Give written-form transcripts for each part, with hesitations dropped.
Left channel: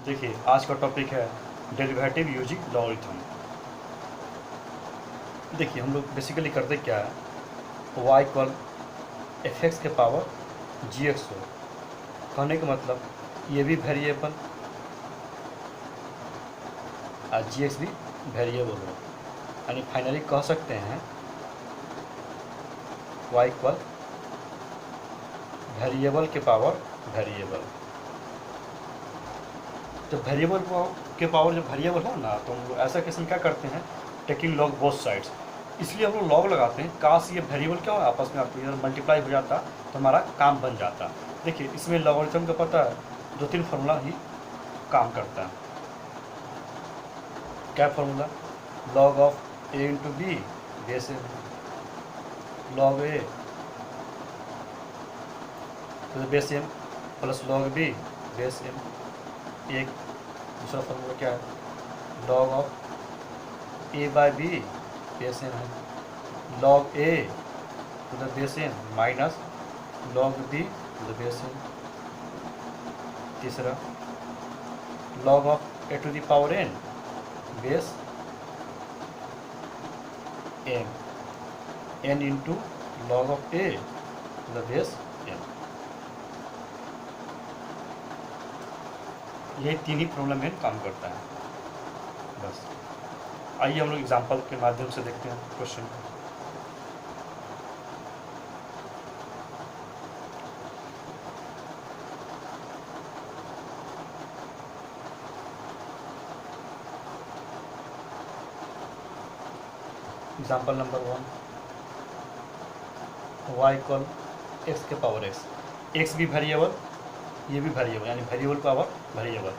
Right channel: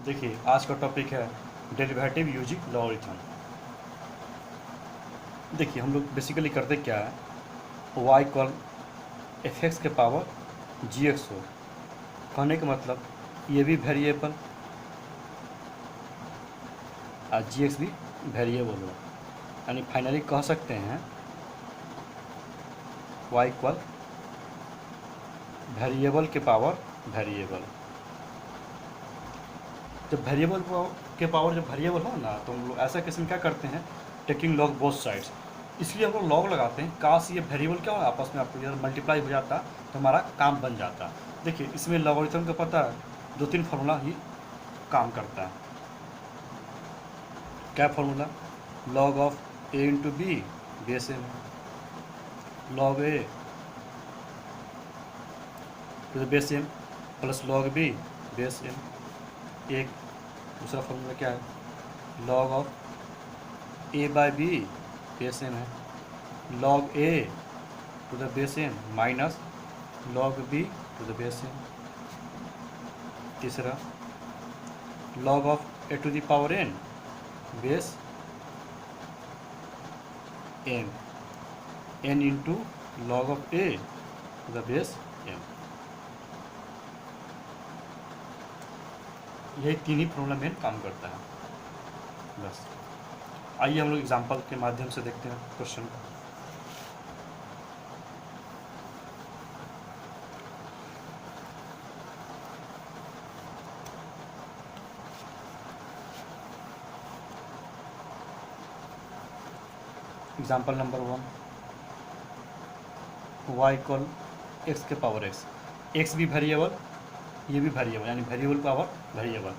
देखिए आज का टॉपिक है डेरिवेटिव यूजिंग लॉगरिथम। देखिए हम लोग बेसिकली करते क्या है, वाई इक्वल एफ एक्स के पावर जी एक्स हो। कहने का मतलब ये भी वेरिएबल और जी एक्स भी वेरिएबल हो, यानी फाइनली कह सकते हैं वाई इक्वल वेरिएबल के पावर वेरिएबल। जब वेरिएबल के पावर जब वेरिएबल हो ना, तो हम लोग ऐसा केस में क्या करते हैं, टेकिंग लॉग बोथ साइड्स। इसलिए हम लोग लॉग लगाते हैं, काश ये वेरिएबल क्या हो आपस में आपको यार मल्टीप्लाई हो जाता तो हमारा काम बन जाता। देखिए इसमें लॉगरिथम का पता है, दो तीन फार्मूला ही काम करता है। क्या formula? Log of A into B base A, log A to the base N plus log B base N. एक दूसरा फार्मूला क्या है, log of A by B base N है, log A to the base N minus log B to the base N. तीसरा log of A to the power N base N, N into log of A to the base N. यही तीन ही formula में काम करता है बस। आइए हम लोग एग्जाम्पल के माध्यम से देखते हैं क्वेश्चन को। Example number 1, Y equal X के पावर एक्स। एक्स भी वेरिएबल, ये भी वेरिएबल, यानी वेरिएबल पावर वेरिएबल।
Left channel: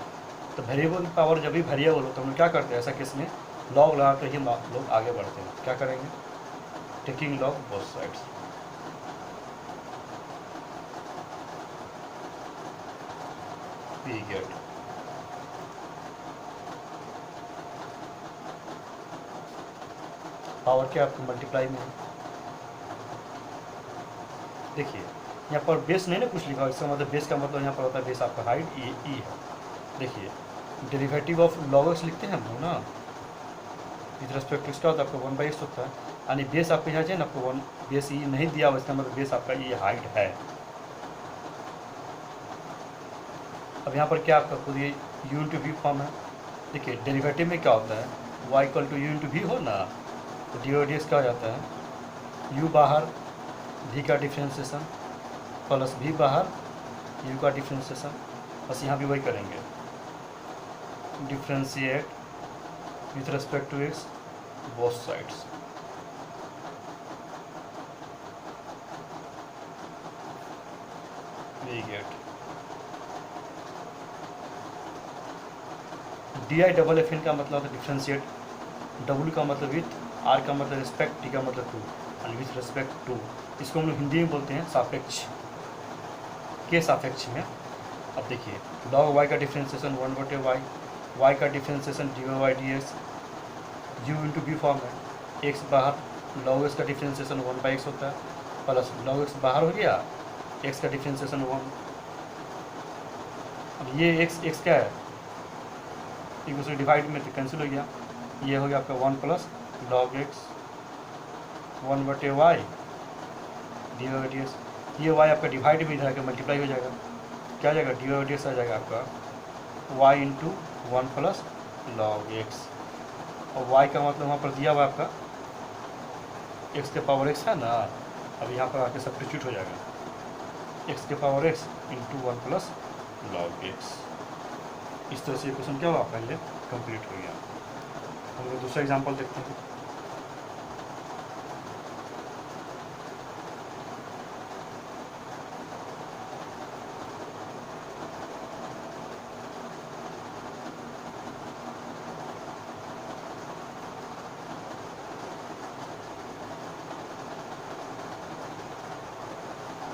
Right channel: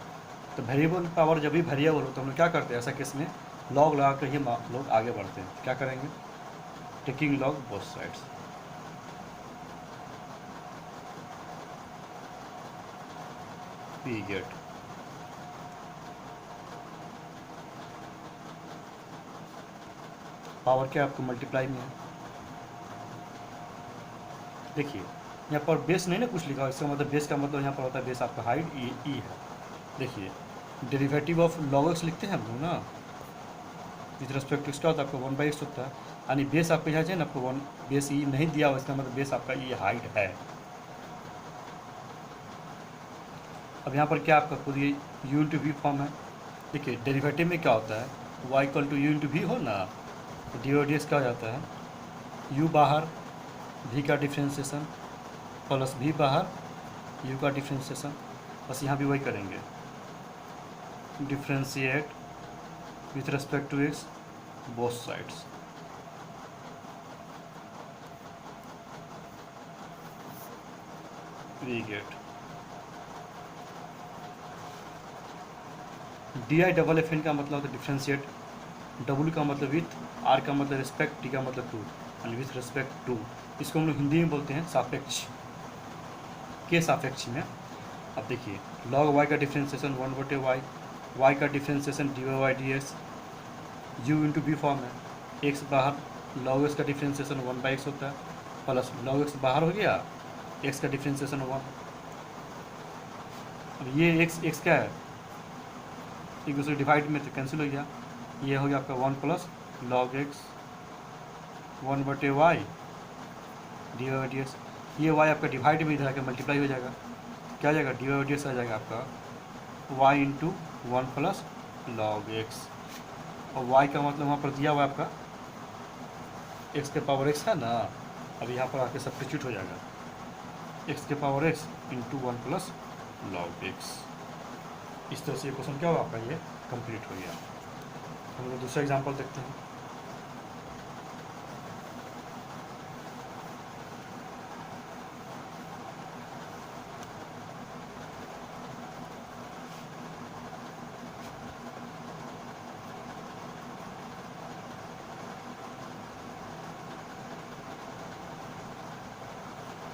तो वेरिएबल पावर जब भी वेरिएबल हो तो हम लोग क्या करते हैं, ऐसा केस में लॉग लगा कर ही लोग आगे बढ़ते हैं। क्या करेंगे, taking log both sides. We get power क्या आपको मल्टीप्लाई में है। देखिए यहाँ पर बेस नहीं ना कुछ लिखा, इसका मतलब बेस का मतलब यहाँ पर होता है बेस आपका हाइट ई है। देखिए डेरिवेटिव ऑफ लॉग एक्स लिखते हैं हम लोग ना, विथ रेस्पेक्ट टू इसका होता है आपका 1/x होता है, यानी बेस आपको यहाँ चाहिए ना, आपको वन बेस ई नहीं दिया हुआ, इसका मतलब बेस आपका ये हाइट है। अब यहाँ पर क्या आपका खुद ये यू इंटू वी फॉर्म है। देखिए डेरिवेटिव में क्या होता है, Y equal to U into V हो ना, तो डी ओ डी एक्स क्या हो जाता है, यू बाहर वी का डिफ्रेंसिएशन प्लस वी बाहर यू का डिफ्रेंसिएशन। बस यहाँ भी वही करेंगे, differentiate with respect to x both sides. We get D I double F N का मतलब होता है डिफ्रेंशिएट, डब्ल्यू का मतलब विथ, आर का मतलब रिस्पेक्ट, टी का मतलब to, and with respect to. इसको हम लोग हिंदी में बोलते हैं सापेक्ष, के सापेक्ष में। अब देखिए लॉग वाई का डिफ्रेंसिएशन 1/y, वाई का differentiation D Y D x, you into B form है, एक्स बाहर, लॉग एक्स का डिफ्रेंसिएशन 1/x होता है, प्लस लॉग एक्स बाहर हो गया, एक्स का डिफ्रेंसिएशन 1। अब ये एक्स क्या है, एक दूसरे डिवाइड में तो कैंसिल हो गया, ये हो गया आपका 1 plus log X 1/y D Y D X. ये वाई आपका डिवाइड में इधर आकर मल्टीप्लाई हो जाएगा, क्या आ जाएगा, डी वाई डी एक्स आ जाएगा आपका Y into 1 plus log X. और वाई का मतलब वहाँ पर दिया हुआ आपका एक्स के पावर एक्स है ना, अब यहाँ पर आके सब्स्टिट्यूट हो जाएगा, एक्स के power x into 1 plus log x. इस तरह से ये क्वेश्चन क्या हुआ आपका, ये कंप्लीट हो गया। हम लोग दूसरा एग्जांपल देखते हैं।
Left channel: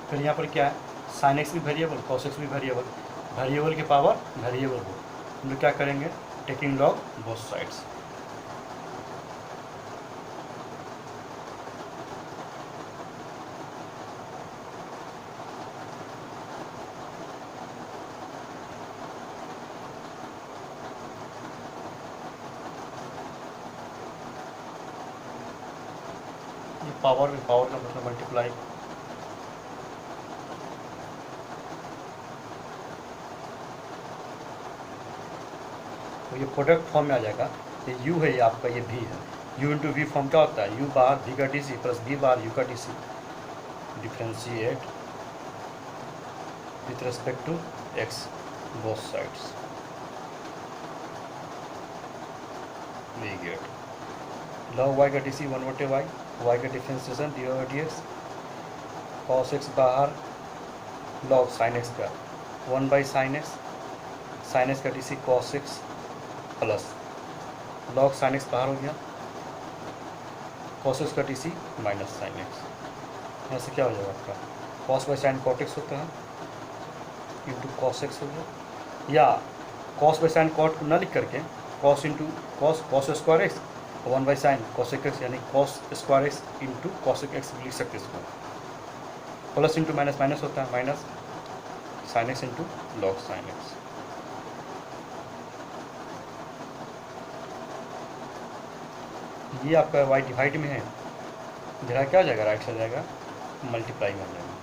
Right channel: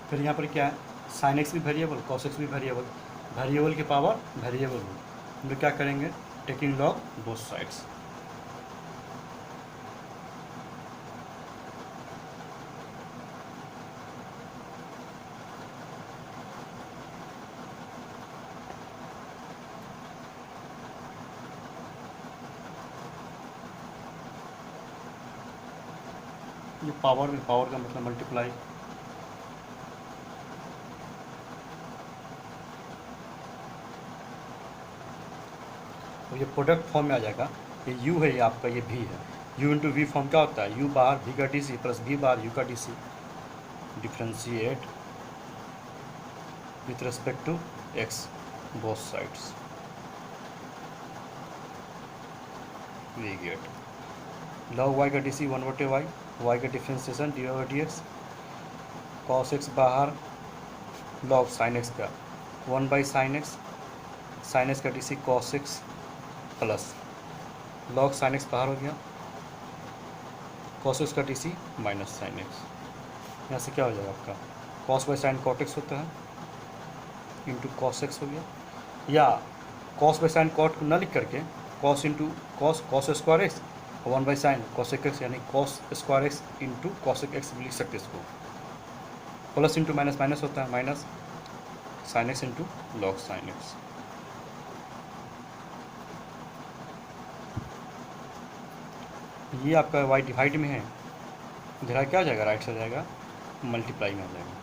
फिर यहाँ पर क्या है, साइन एक्स भी वेरिएबल, कॉस एक्स भी वेरिएबल, वेरिएबल की पावर वेरिएबल हो। हम लोग क्या करेंगे, टेकिंग लॉग बोथ साइड्स। ये पावर का मतलब मल्टीप्लाई, तो ये प्रोडक्ट फॉर्म में आ जाएगा। ये u है, ये आपका ये v है। u इंटू वी फॉर्म क्या होता है, u बार v का डी सी प्लस v बार u का D C, differentiate with respect to x both sides, we get log y का डी सी 1/y, y का differentiation D over D X, cos x बाहर log sine x का 1/sin x, sine x का D C cos x plus log sine x बाहर हो गया, cos X का D C minus sine X, यहाँ से क्या हो जाएगा आपका cos by sine cot X होता है इंटू कॉस एक्स हो गया, या कॉस बाई साइन कॉट को न लिख करके cos into cos square X 1/sin cos X, यानी cos square X into cos X लिख सकते इसको, प्लस इंटू माइनस माइनस होता है, minus sine X into log sine X. ये आपका y डिवाइड में है, इधर क्या हो जाएगा, राइट से जाएगा मल्टीप्लाई में आ जाएगा।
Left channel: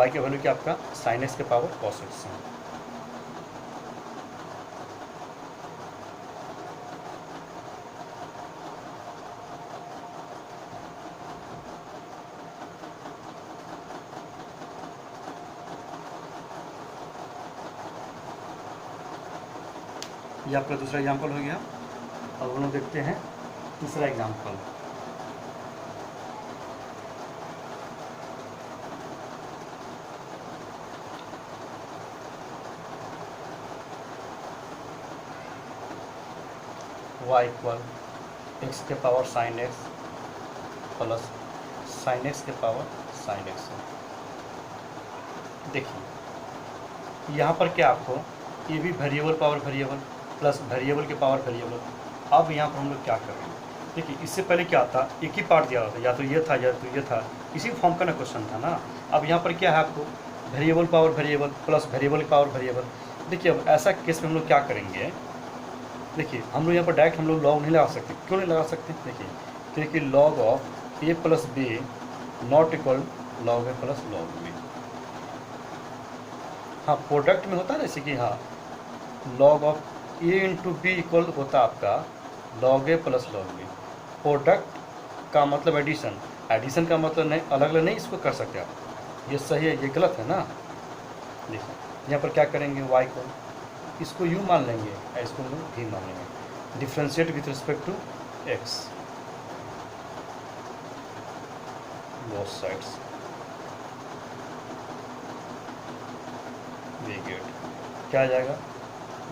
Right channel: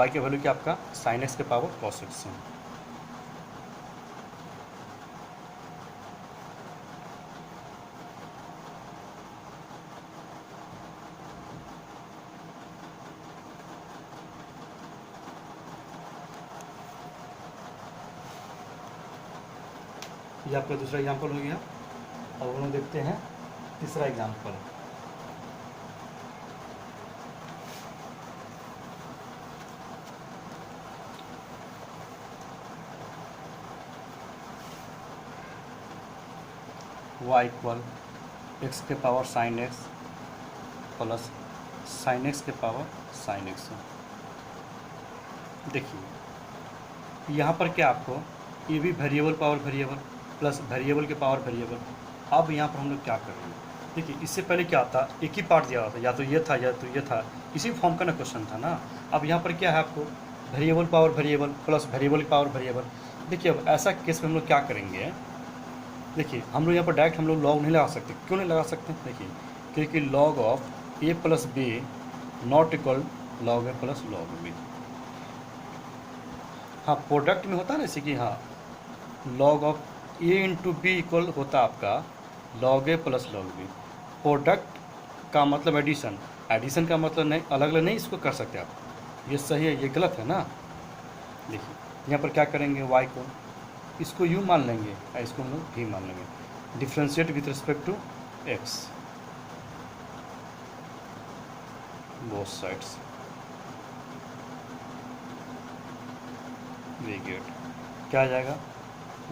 y के वैल्यू क्या आपका साइन एक्स के पावर कॉस एक्स है। ये आपका दूसरा एग्जाम्पल हो गया। अब हम लोग देखते हैं तीसरा एग्जाम्पल। y इक्वल एक्स के power sine x plus sign x के पावर साइन एक्स है। देखिए यहाँ पर क्या आपको ये भी variable power variable plus variable के पावर वेरिएबल। अब यहाँ पर हम लोग क्या करेंगे, देखिए इससे पहले क्या था, एक ही पार्ट दिया था, या तो ये था या तो ये था, इसी फॉर्म का ना क्वेश्चन था ना। अब यहाँ पर क्या है आपको variable power variable plus variable power variable. देखिए अब ऐसा केस में हम लोग क्या करेंगे, देखिए हम लोग यहाँ पर डायरेक्ट हम लोग लॉग नहीं लगा सकते। क्यों नहीं लगा सकते, देखिए क्योंकि log of A plus B not equal log A plus log B. हाँ प्रोडक्ट में होता है ना, जैसे कि हाँ log of A into B equal होता है आपका लॉग ए प्लस लॉग बी। प्रोडक्ट का मतलब एडिशन, एडिशन का मतलब नहीं अलग अलग नहीं इसको कर सकते आप, ये सही है ये गलत है ना। देखिए यहाँ पर क्या करेंगे, y को इसको u मान लेंगे और इसको हम v मान लेंगे, differentiate with respect to x both sides, we get क्या आ जाएगा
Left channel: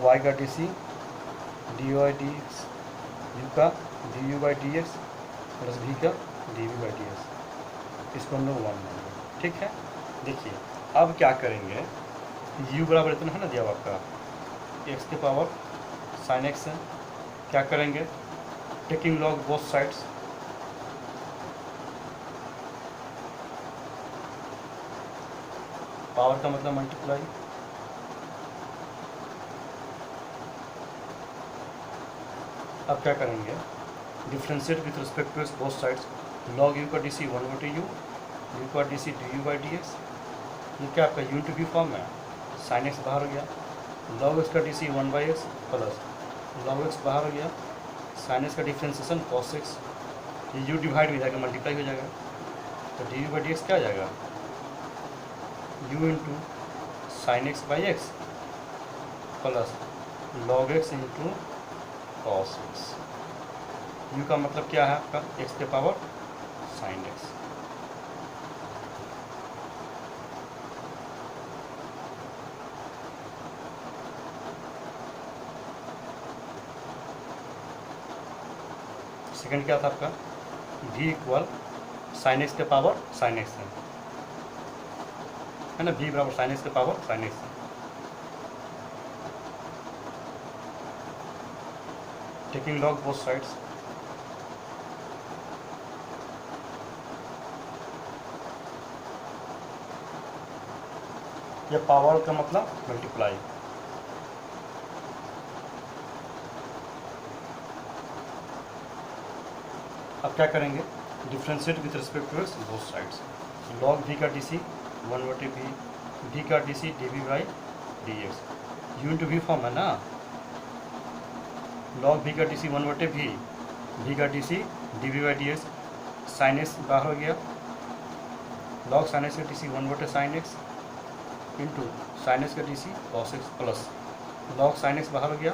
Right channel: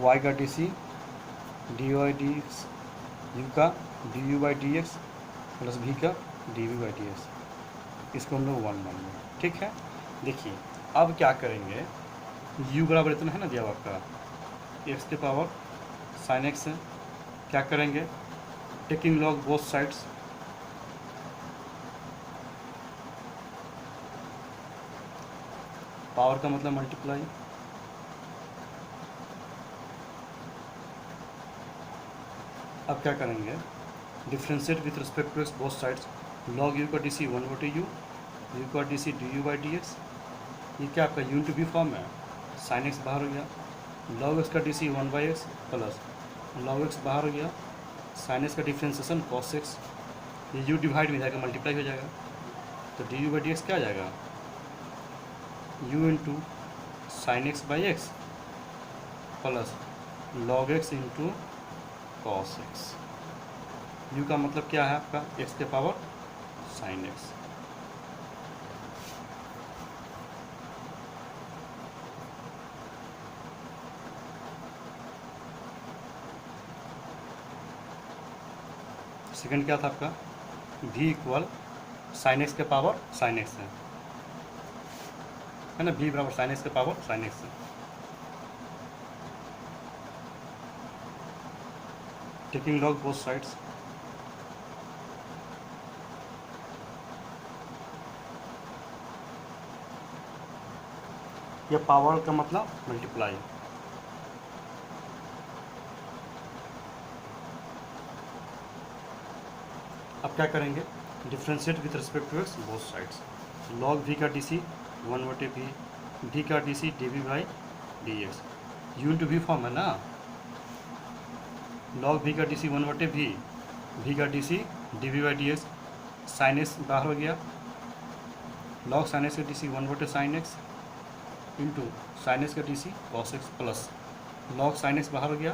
y का D C D Y D x, U का D you by D x plus v का D we by D X, इसको हम लोग 1 मानेंगे। ठीक है, देखिए अब क्या करेंगे, u बराबर इतना है ना दिया हुआ आपका एक्स के पावर साइन एक्स है, क्या करेंगे taking log both sides, power का मतलब मल्टीप्लाई, अब क्या करेंगे differentiate with respect to x both sides, log you का डी सी 1/u, यू का D C D you by D X, ये क्या आपका यू इंटू वी फॉर्म है, साइन एक्स बाहर हो गया, लॉग एक्स का D C 1/x plus log x बाहर हो गया, साइन एक्स का डिफ्रेंशिएशन कॉस एक्स, ये यू डिवाइड हो जाएगा मल्टीप्लाई हो जाएगा, तो D you by D x क्या आ जाएगा you into sine x by x plus log x into cos x. U का मतलब क्या है आपका एक्स के पावर साइन एक्स। सेकेंड क्या था आपका v इक्वल साइन एक्स के पावर साइन एक्स है ना, v बराबर साइन एक्स के पावर साइन एक्स है। टेकिंग लॉग बोथ साइड्स, यह पावर का मतलब मल्टीप्लाई, अब क्या करेंगे, differentiate with respect to x both sides. Log v का डी सी 1/v, वी का D C D we by D x, you into we form है ना, लॉग वी का डी सी 1/v, वी का D C D we by D x, sine x बाहर हो गया, log sine x का D C 1/sin X into sine x का D C cos x plus log sine x बाहर हो गया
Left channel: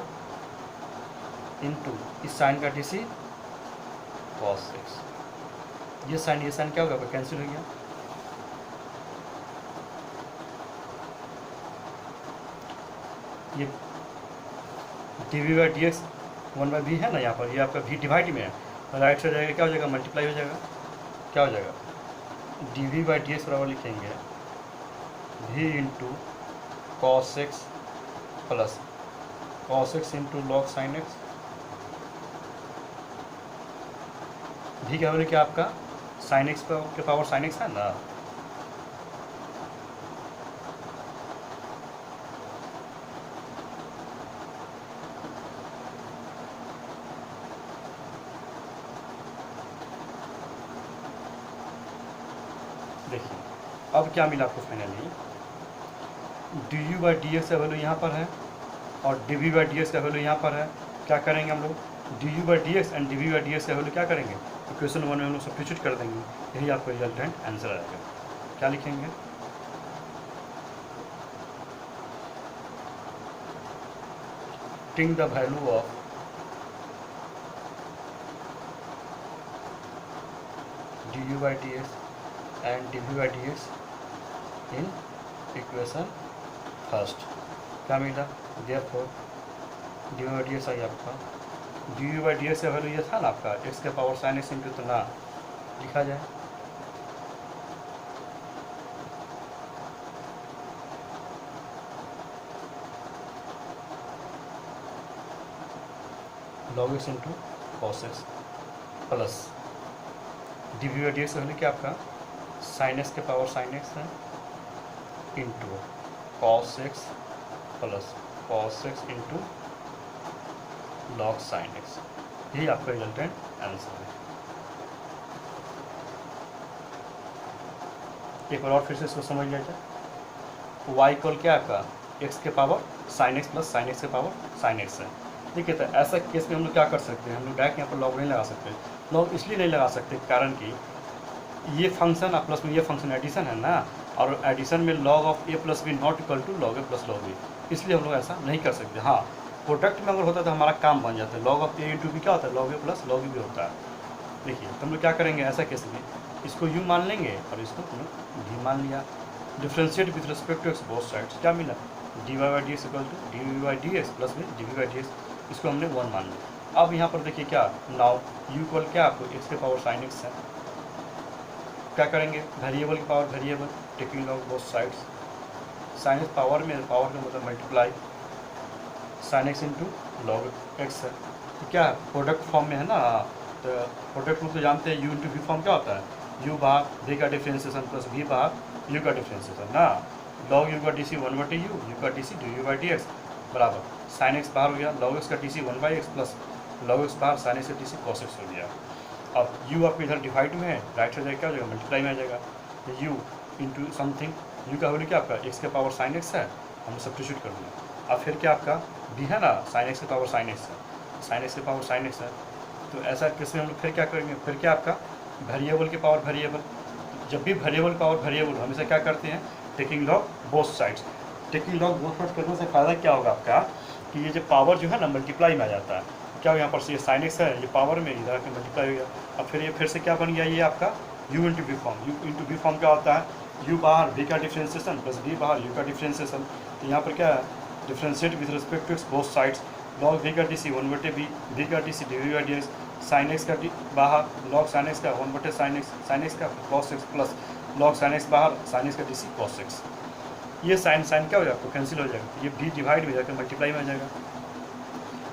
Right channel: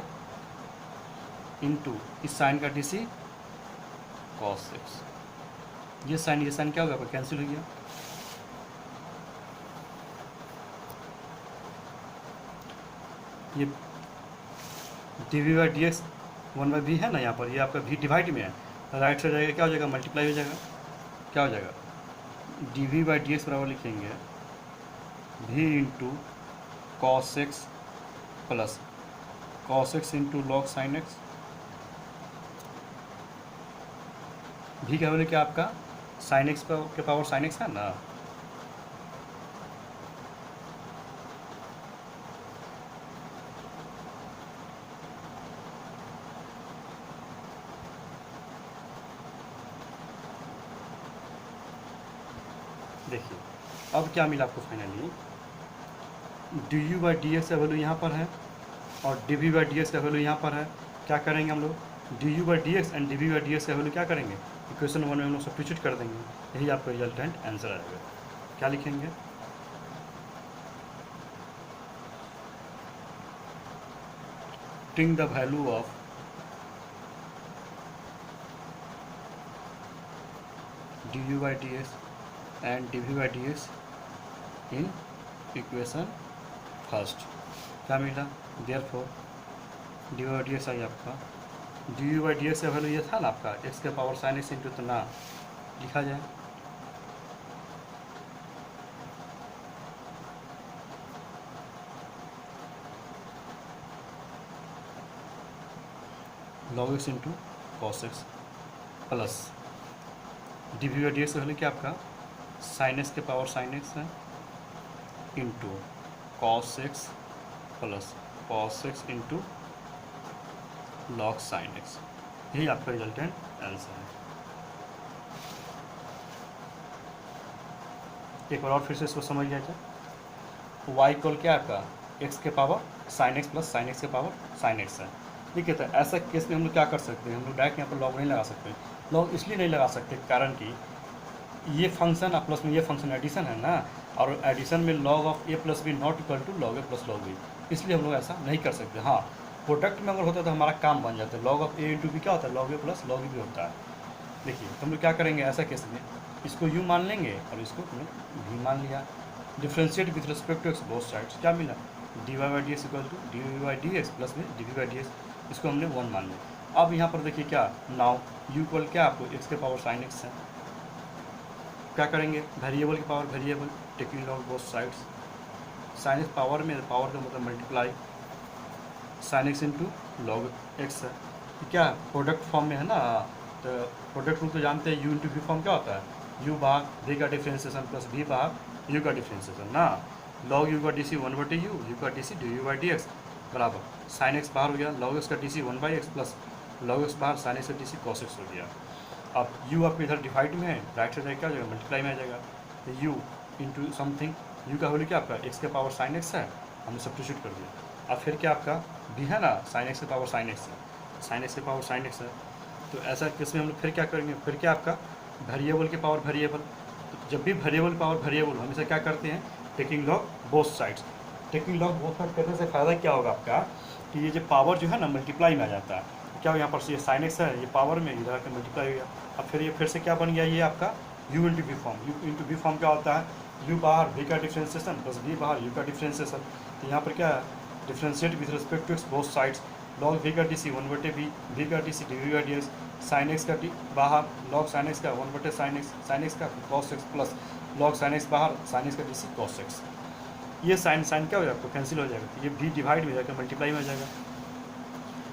into इस साइन का डी सी कॉस एक्स। ये साइन क्या होगा, कैंसिल हो गया। ये D we by D X 1/v है ना यहाँ पर, ये आपका v डिवाइड में है, राइट से हो जाएगा, क्या हो जाएगा, मल्टीप्लाई हो जाएगा, क्या हो जाएगा, d we by D x बराबर लिखेंगे v into cos x plus cos x into log sine x. भी क्या बोले कि आपका साइन एक्स के पावर साइन एक्स है ना, देखिए अब क्या मिला आपको finally, d you by D x का वैल्यू यहाँ पर है और d we by D x का वैल्यू यहाँ पर है। क्या करेंगे हम लोग, d you by D X and D we by D x का वैल्यू क्या करेंगे, इक्वेशन 1 में हम लोग सब्स्टिट्यूट कर देंगे, यही आपको रिजल्टेंट आंसर आएगा। क्या लिखेंगे, टिंग the value of D you by D X and D we by D X in equation first. क्या मिला, therefore D you by D X आई आपका, D you by D x का वैल्यू ये था ना आपका एक्स के पावर साइन एक्स इंटू, तो ना लिखा जाए log x into cos x plus d we by D x का वैल्यू क्या आपका साइन एक्स के पावर साइन एक्स है into cos x plus cos x into log sine x, यही आपका रिजल्टेंट आंसर है। एक बार और फिर से इसको समझ लिया जाए, वाई इक्वल क्या आपका एक्स के power sine x plus sign x के पावर साइन एक्स है। ठीक है, तो ऐसा केस में हम लोग क्या कर सकते हैं, हम लोग डायरेक्ट यहाँ पर लॉग नहीं लगा सकते। लॉग इसलिए नहीं लगा सकते कारण कि ये फंक्शन और प्लस में ये फंक्शन एडिशन है ना, और एडिशन में log of A plus B not equal to log A plus log b, इसलिए हम लोग ऐसा नहीं कर सकते। हाँ, प्रोडक्ट में अगर होता तो हमारा काम बन जाता है, log of A into B क्या होता है, लॉग ए प्लस लॉग बी होता है। देखिए तो हम लोग क्या करेंगे ऐसा केस में, इसको यू मान लेंगे और इसको भी मान लिया, differentiate with respect to x both sides. क्या मिला, D Y by D x equal to D we by D x plus में D we by D X, इसको हमने 1 मान लिया। अब यहाँ पर देखिए क्या, नाउ यू इक्वल क्या आपको एक्स के पावर साइन एक्स है, क्या करेंगे, वेरिएबल के power variable, taking log both sides, sine x power में, पावर का मतलब multiply sign X into log x है, तो क्या प्रोडक्ट फॉर्म में है ना, तो प्रोडक्ट रूल तो जानते हैं, यू इंटू वी फॉर्म क्या होता है, यू बार वी का डिफ्रेंशिएशन प्लस वी बार यू का डिफ्रेंशिएशन ना, लॉग यू का डी सी 1/u, यू का D C D you by D x बराबर साइन एक्स बाहर हो गया, लॉग एक्स का D C 1/x plus log x बाहर साइन एक्स का डी सी कॉस एक्स हो गया। अब u आपको इधर डिवाइड हुए हैं, राइट से क्या हो जाएगा, मल्टीप्लाई में आ जाएगा, तो u इंटू समथिंग, u का वैल्यू क्या आपका x के पावर साइन एक्स है, हमने सब्स्टिट्यूट कर दिया। अब फिर क्या आपका b है ना, साइन एक्स के पावर साइन एक्स है, साइन एक्स के पावर साइन एक्स है, तो ऐसा केस में हम लोग फिर क्या करेंगे, फिर क्या आपका वेरिएबल के पावर वेरिएबल, जब भी वेरिएबल पावर वेरिएबल हमेशा क्या करते हैं, taking log both sides. Taking log both sides करने से फ़ायदा क्या होगा आपका, कि ये जो पावर जो है ना मल्टीप्लाई में आ जाता है, क्या हो यहाँ पर से ये साइन एक्स है, ये पावर में इधर आकर मल्टीप्लाई हो गया। अब फिर ये फिर से क्या बन गया, ये आपका u into we form, u into we form क्या होता है, u बाहर v का डिफ्रेंशिएशन प्लस v बाहर u का डिफ्रेंशिएशन, तो यहाँ पर क्या है, differentiate with respect to both sides, log v का डी सी 1/v, v का D C D we by D x, sine x का बाहर लॉग साइन एक्स का 1/sin एक्स, साइन एक्स का cos x plus log sine x बाहर sine x का D C cos X. ये sine क्या हो जाएगा, तो कैंसिल हो जाएगा, तो ये v डिवाइड हो जाकर मल्टीप्लाई में आ जाएगा,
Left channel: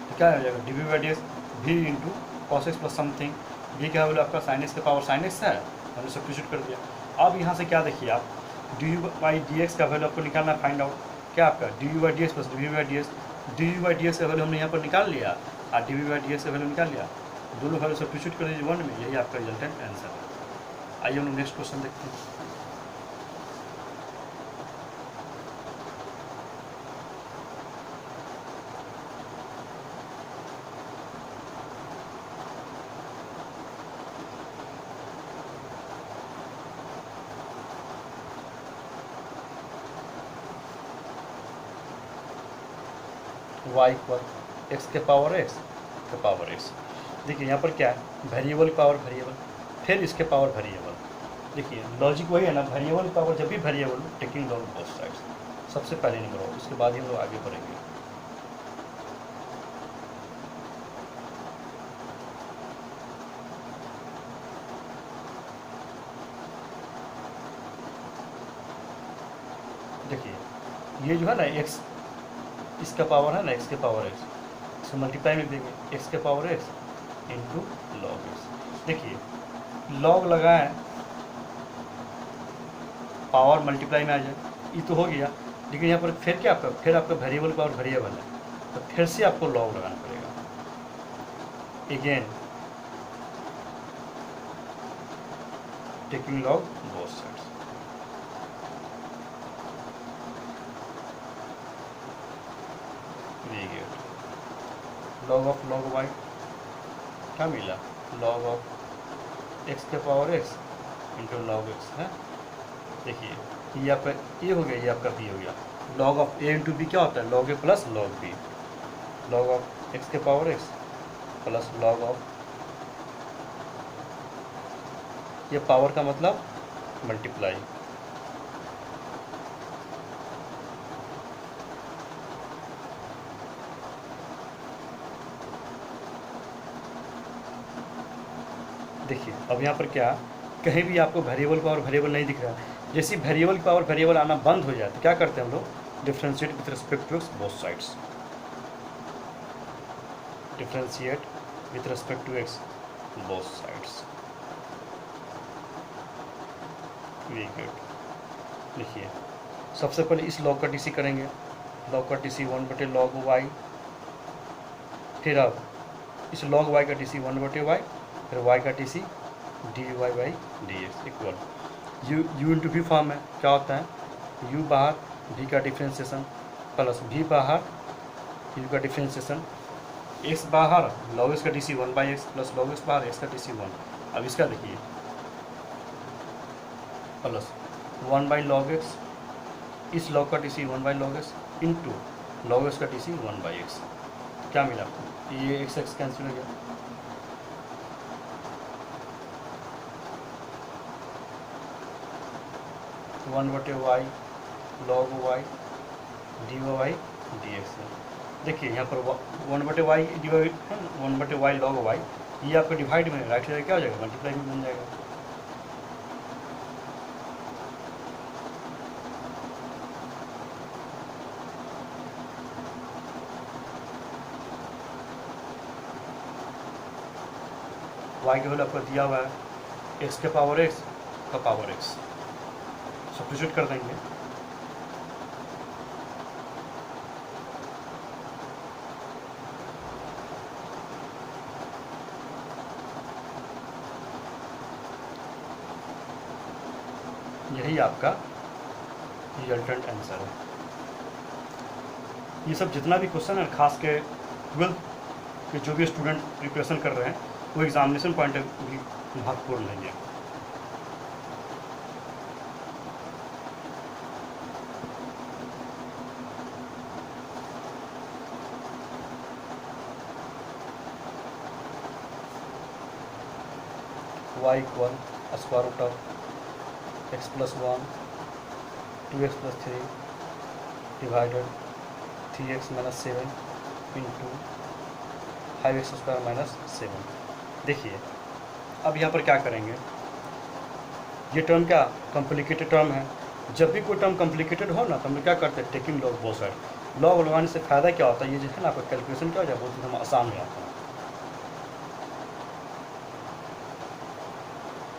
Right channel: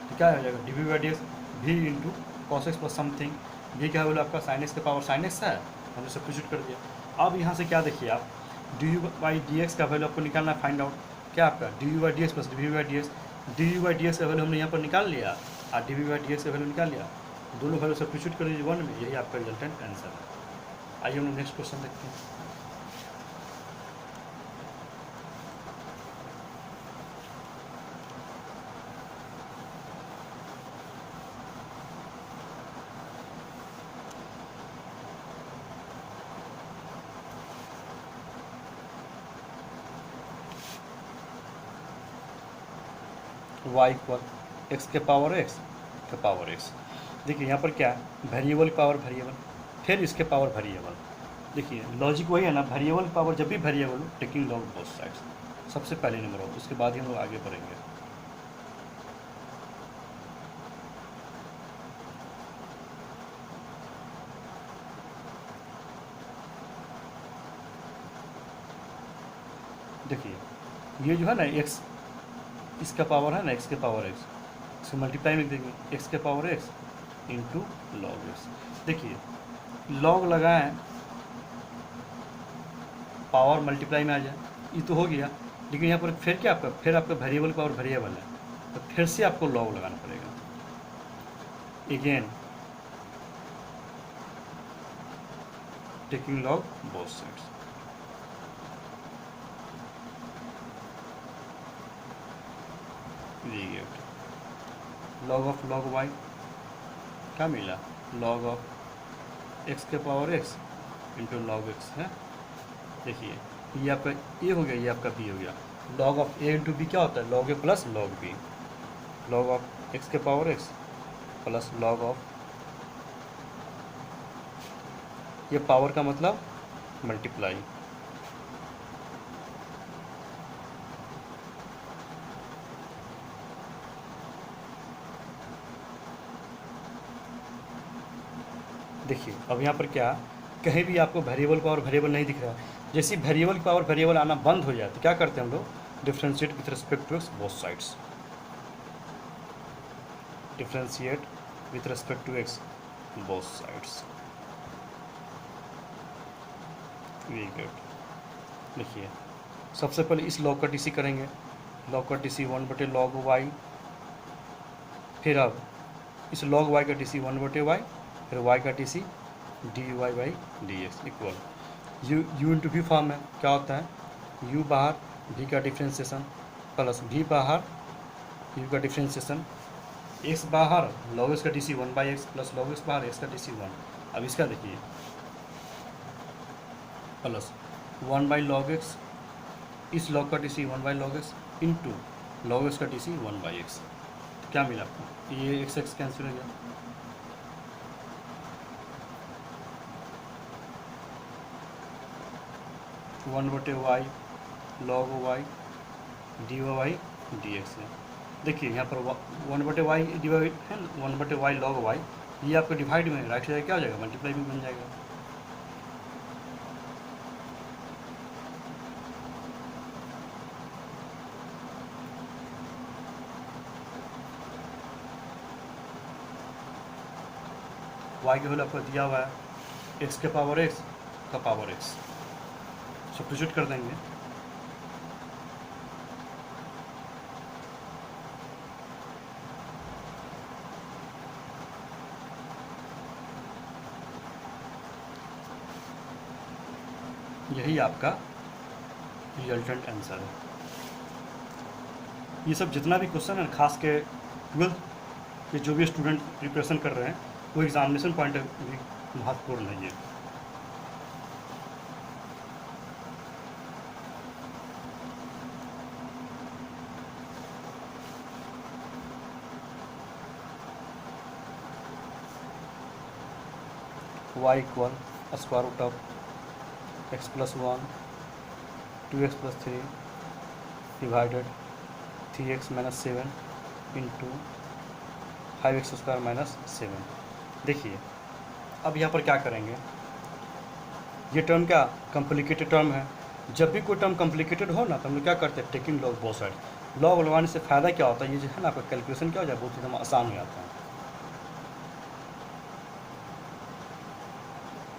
तो क्या हो जाएगा, d we by D x v into cos x plus something, ये क्या बोले आपका साइन एक्स के पावर साइन एक्स है, हमने सब्स्टिट्यूट कर दिया। अब यहाँ से क्या देखिए आप, d you by D x का वैल्यू आपको निकालना है, फाइंड आउट क्या आपका D you by D x plus d we by D x, d you by D x का वैल्यू हमने यहाँ पर निकाल लिया और d we by D x का वैल्यू निकाल लिया, दोनों वैल्यू सब्स्टिट्यूट कर दीजिए 1 में, यही आपका रिजल्टेंट आंसर है। आइए हम लोग नेक्स्ट क्वेश्चन देखते हैं। y इक्वल एक्स के पावर एक्स। देखिए यहाँ पर क्या है, वेरिएबल पावर वेरिएबल, फिर इसके पावर वेरिएबल। देखिए लॉजिक वही है ना, वेरिएबल पावर जब भी वेरिएबल हो, टेकिंग लॉग बोथ साइड्स सबसे पहले नंबर हो, इसके बाद ही हम लोग आगे बढ़ेंगे। देखिए ये जो है ना एक्स, इसका पावर है ना एक्स के पावर एक्स, इसको मल्टीप्लाई में देंगे एक्स के power x into log x. देखिए लॉग लगाएं, पावर मल्टीप्लाई में आ जाए, ये तो हो गया। लेकिन यहाँ पर फिर क्या आपका, फिर आपका वेरिएबल पावर वेरिएबल है, तो फिर से आपको लॉग लगाना पड़ेगा। Again taking log both sides. Log of log y क्या मिला, लॉग ऑफ एक्स के power x into log x है। देखिए ये आपका ए हो गया, ये आपका बी हो गया। Log of A into B क्या होता है, log A plus log B. Log of x के power X plus log of, ये पावर का मतलब मल्टीप्लाई, देखिए अब यहाँ पर क्या, कहीं भी आपको वेरिएबल पावर वेरिएबल नहीं दिख रहा है। जैसे वेरिएबल पावर वेरिएबल आना बंद हो जाए तो क्या करते हैं हम लोग, differentiate with respect to both sides, differentiate with respect to x both sides. Very good. देखिए सबसे पहले इस लॉग का टीसी करेंगे, लॉग का टीसी 1/log वाई, फिर अब इस log वाई का टीसी 1/y, फिर y का TC dy/dx equal u into we form है। क्या होता है, u बाहर v का डिफ्रेंशिएशन प्लस v बाहर u का डिफ्रेंशिएशन, x बाहर log x का टीसी 1/x प्लस log x बाहर x का टीसी 1। अब इसका देखिए प्लस 1/log x, इस log का TC 1/log x into log x का टीसी 1/x। तो क्या मिला, ये x x कैंसिल हो गया, वन बटे वाई लॉग वाई dy/dx है। देखिए यहाँ पर 1/y डिवाइड है, 1/y log वाई, ये आपको डिवाइड में राइट साइड क्या हो जाएगा, मल्टीप्लाई भी बन जाएगा। y के वैल्यू आपको दिया हुआ है x के पावर x का पावर x, सब्स्टिट्यूट कर देंगे। यही आपका रिजल्टेंट आंसर है। ये सब जितना भी क्वेश्चन है, खास के 12th के जो भी स्टूडेंट प्रिपरेशन कर रहे हैं, वो एग्जामिनेशन पॉइंट ऑफ व्यू महत्वपूर्ण नहीं है। y equal square root of x प्लस 1 2x plus 3 divided 3x minus 7 into 5x square minus 7। देखिए अब यहाँ पर क्या करेंगे, ये टर्म क्या कॉम्प्लिकेटेड टर्म है। जब भी कोई टर्म कॉम्प्लिकेटेड हो ना, तो हम लोग क्या करते हैं, taking log both side. Log लगाने से फ़ायदा क्या होता है, ये जो है ना आपका कैलकुलेशन क्या हो जाए, बहुत एकदम आसान हो जाता है।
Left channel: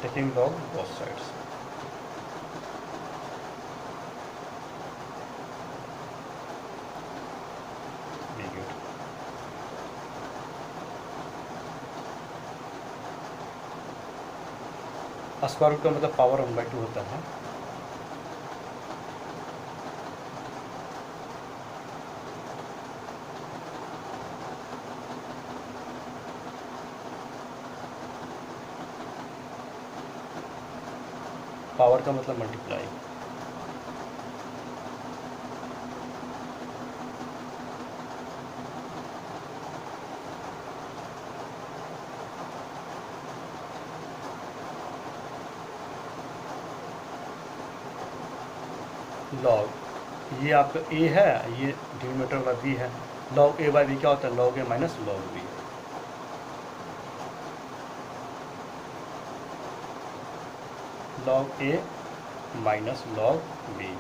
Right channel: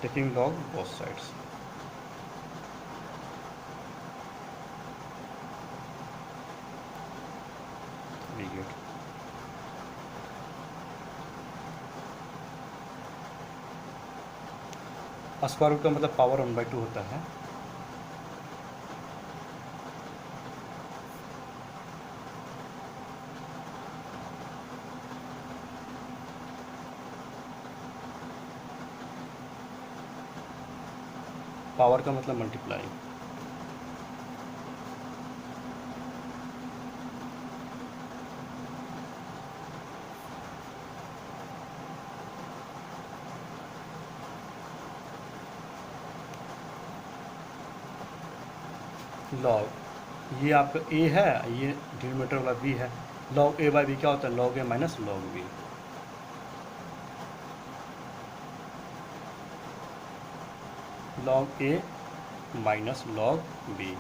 Taking log both sides, very good. Square root का मतलब पावर 1/2 होता है। पावर का मतलब मल्टीप्लाई। लॉग ये आपका ए है, ये डिनोमिनेटर वाला बी है। लॉग ए बाई बी क्या होता है? लॉग ए माइनस लॉग बी। लॉग ए माइनस लॉग बी।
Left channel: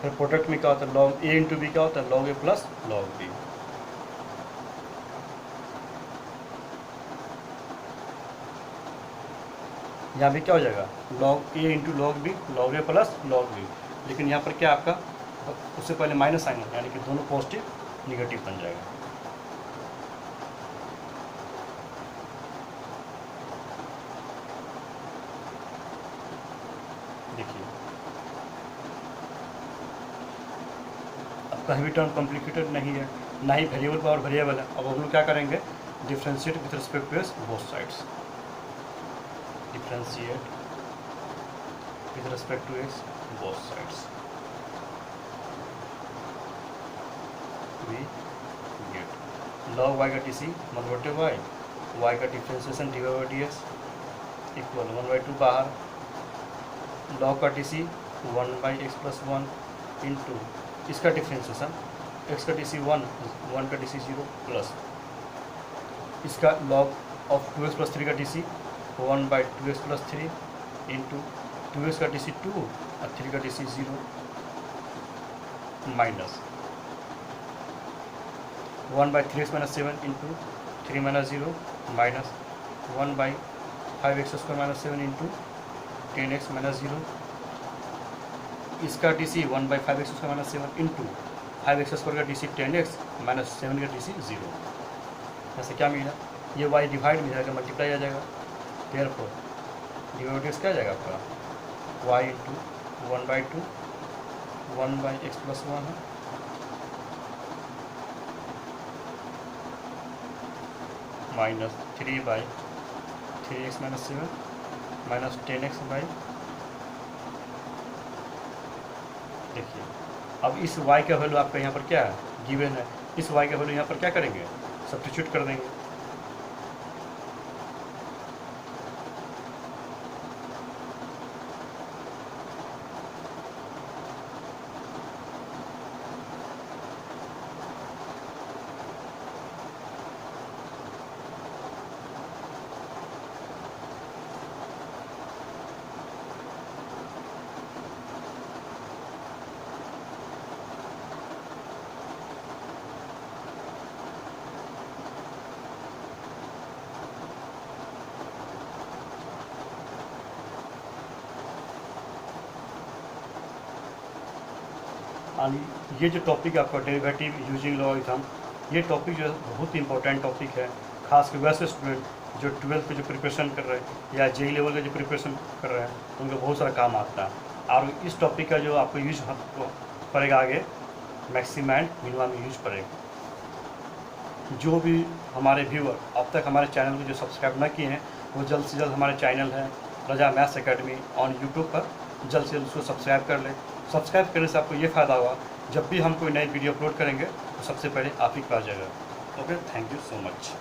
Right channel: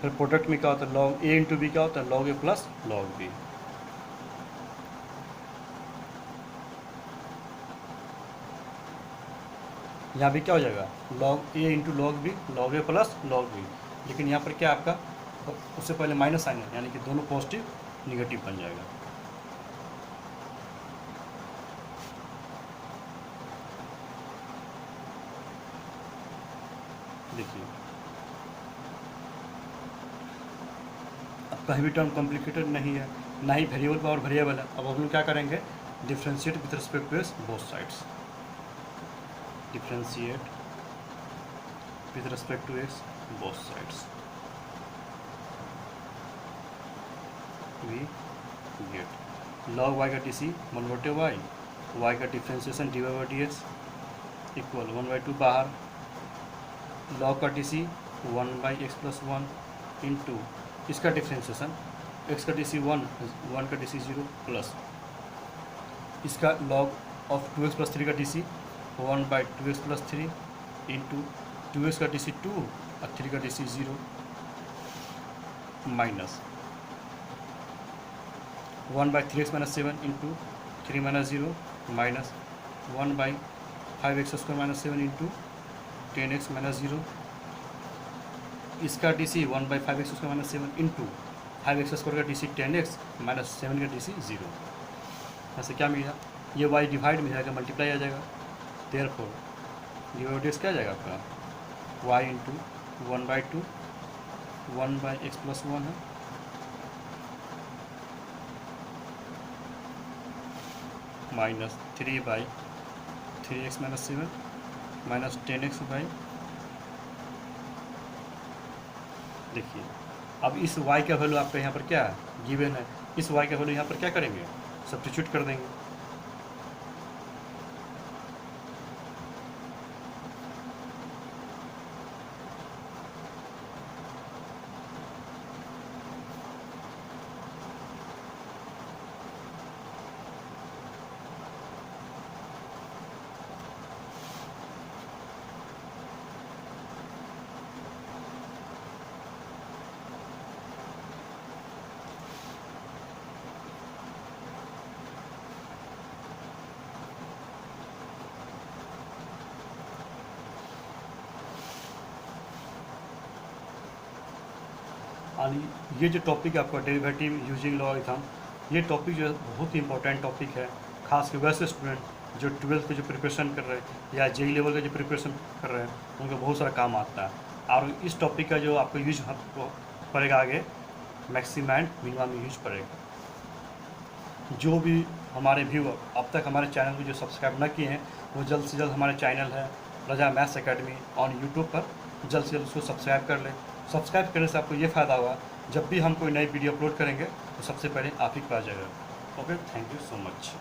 फिर प्रोडक्ट में क्या होता है? लॉग ए इंटू बी क्या होता है? लॉग ए प्लस लॉग बी। यहाँ भी क्या हो जाएगा? लॉग ए इंटू लॉग बी, लॉग ए प्लस लॉग बी। लेकिन यहाँ पर क्या आपका उससे पहले माइनस साइन है, यानी कि दोनों पॉजिटिव निगेटिव बन जाएगा। देखिए अब कहीं भी टर्म कॉम्प्लिकेटेड नहीं है, ना ही वेरिएबल पावर वेरिएबल है। अब हम लोग क्या करेंगे? Differentiate with respect to x both sides. Differentiate with respect to x both sides, we get log y का टी वन बटे वाई, y का differentiation d Y by D x equal 1/2 बाहर, log का टी 1/x + 1 इंटू इसका differentiation x का टी 1, 1 का टी 0 प्लस इसका log ऑफ 2x + 3 का टी 1/2x + 3 इंटू 2x का टी 2 और 3 का टी 0 minus 1/3x - 7 into 3 - 0 minus 1/5x² - 7 into 10x - 0 इसका टी 1/5x² - 7 इंटू 5x² का टी 10x - 7 का टी 0। ऐसे क्या मिला? ये y डिवाइड में जाएगा, मल्टीप्लाई आ जाएगा। देयरफॉर डिवाइड क्या आ जाएगा आपका? y इंटू 1/2 1/x + 1 है minus 3/3x - 7 minus 10x by. देखिए अब इस y का वैल्यू आपका यहाँ पर क्या है? गिवन है। इस y का वैल्यू यहाँ पर क्या करेंगे? सब्स्टिट्यूट कर देंगे। और ये जो टॉपिक है आपका डेरिवेटिव यूजिंग लॉगरिथम, ये टॉपिक जो है बहुत ही इंपॉर्टेंट टॉपिक है, खास कर वैसे स्टूडेंट जो 12th की जो प्रिपरेशन कर रहे हैं या जेई लेवल का जो प्रिपरेशन कर रहे हैं उनको बहुत सारा काम आता है। और इस टॉपिक का जो आपको यूज पड़ेगा आगे मैक्सिमम एंड मिनिमम में यूज पड़ेगा। जो भी हमारे व्यूअर अब तक हमारे चैनल को जो सब्सक्राइब न किए हैं वो जल्द से जल्द हमारा चैनल है रजा मैथ्स एकेडमी ऑन यूट्यूब पर जल्द से जल्द उसको सब्सक्राइब कर लें। सब्सक्राइब करने से आपको ये फ़ायदा होगा, जब भी हम कोई नई वीडियो अपलोड करेंगे तो सबसे पहले आप ही पास जाएगा। Okay, thank you so much.